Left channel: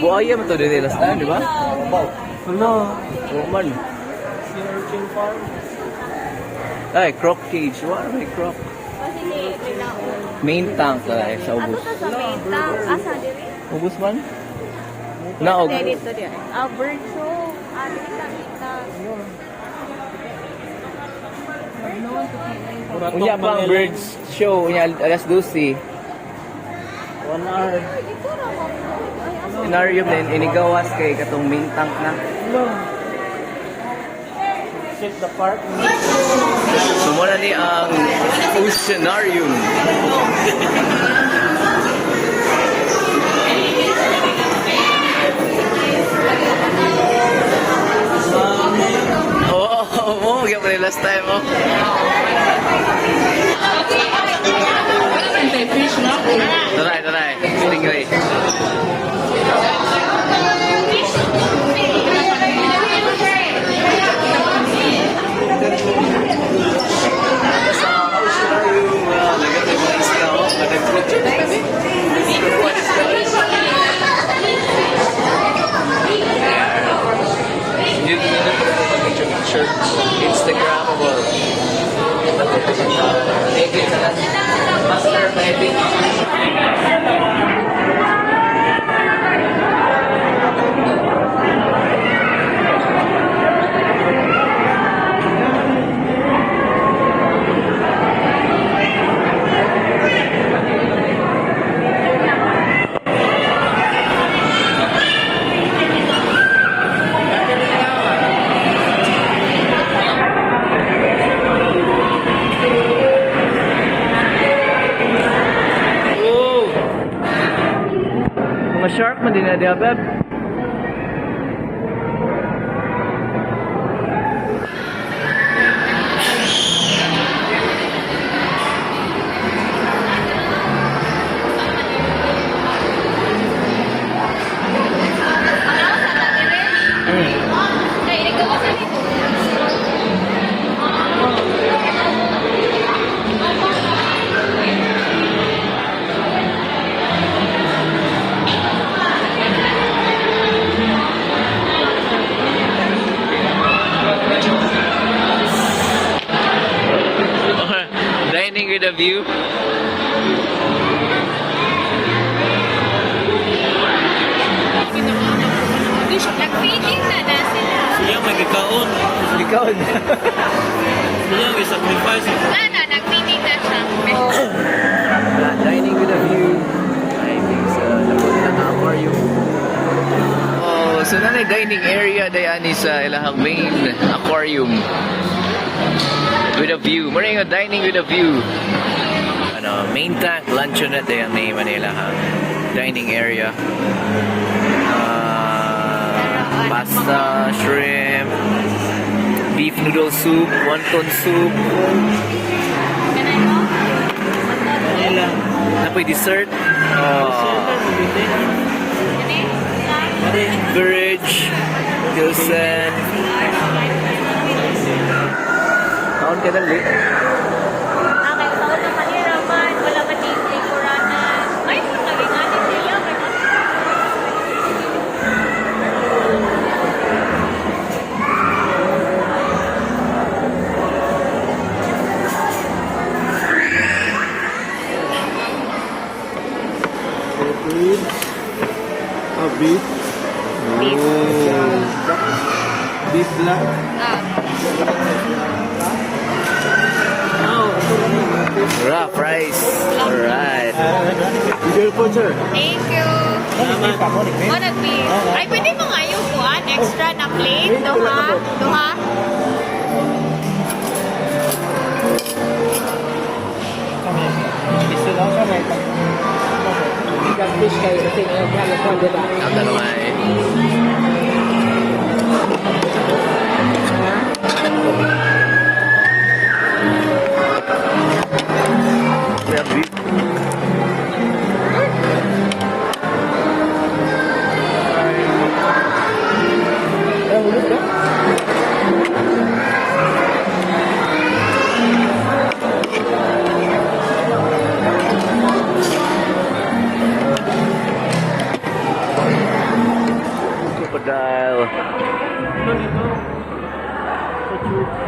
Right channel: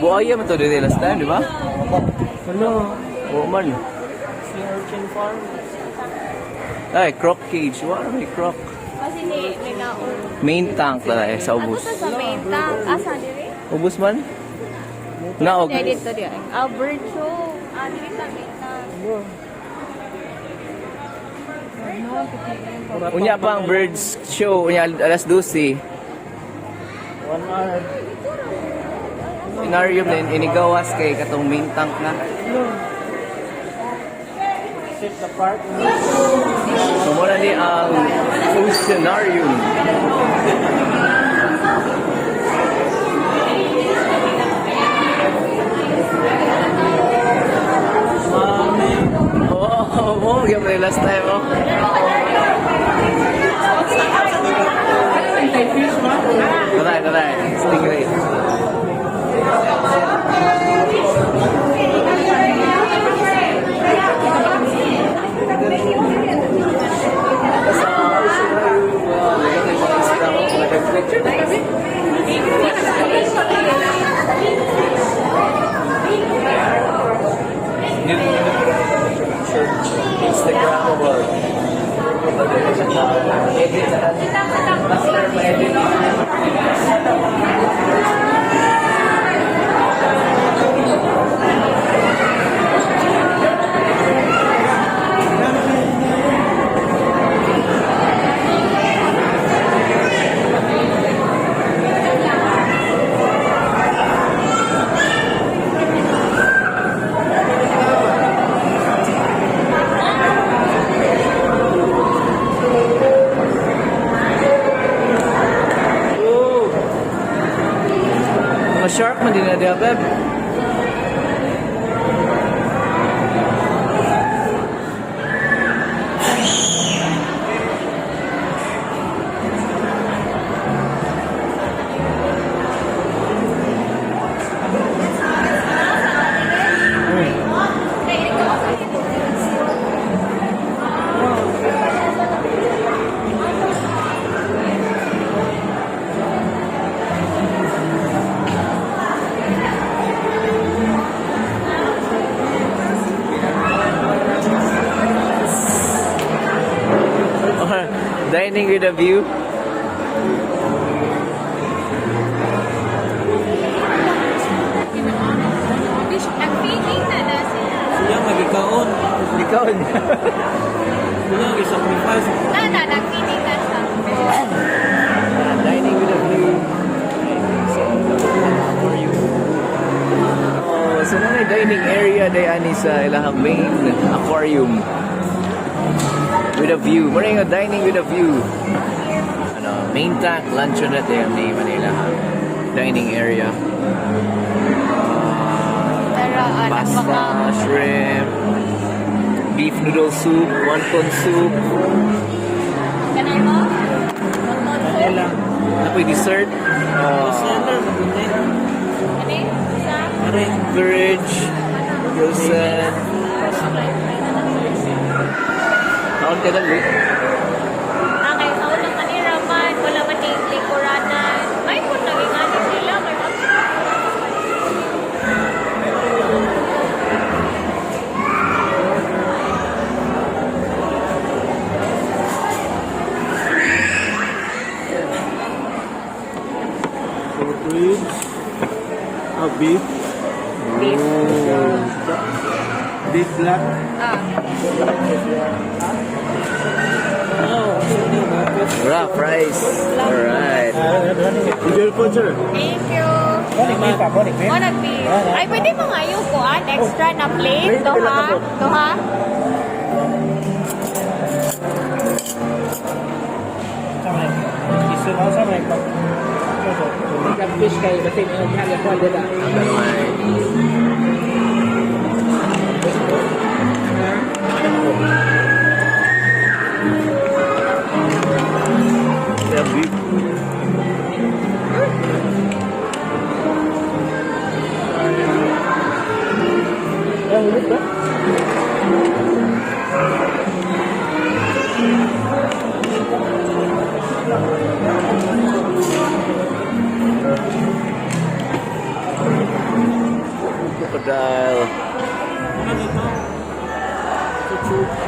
Buaya mo to dito last time, di ba? No. Woman. Ay, croc cage. Wala may croc. Main tank na eh, sa ubos. Ubos man? Wala ka ubos. Bird show. Unya pa ang birds show. Unya alas 12. 1 hour. Oceanarium din, inigawas kay katong main tank na. So muna ni ang Oceanarium. Oh, kaya pala last time, oh. Taray, stingray. Instagrammable. Master edit. Shark man din na diya, Beb. Dining with a view. Nag-feeding na sila. Siya may gikaon. Gikaon. Siya i-sacrifice. Nag-feeding na siya. Dining with a view. I think sa aquarium. Oh, so na dining area dayan sa ilahang main aquarium. With a view. Maraming dining with a view. Ano, main tank, luncheonette yung may Manila ha. Dining area. Pasta, shrimp, beef noodle soup, wonton soup. Napoy dessert. Bridge, Gilson. Kaon ka dali. Okay, kaon ng Manila man. Wala ba lingkuranan? Ay, kung naging sila. Beef. Beef black. Rough rice. Alright. Bigel po, sir. Thank you. Nag-beef. Ay, pwede mo nga yung kuhan. Extra na plate. Duha. Ang tanong ay crocodile. So true.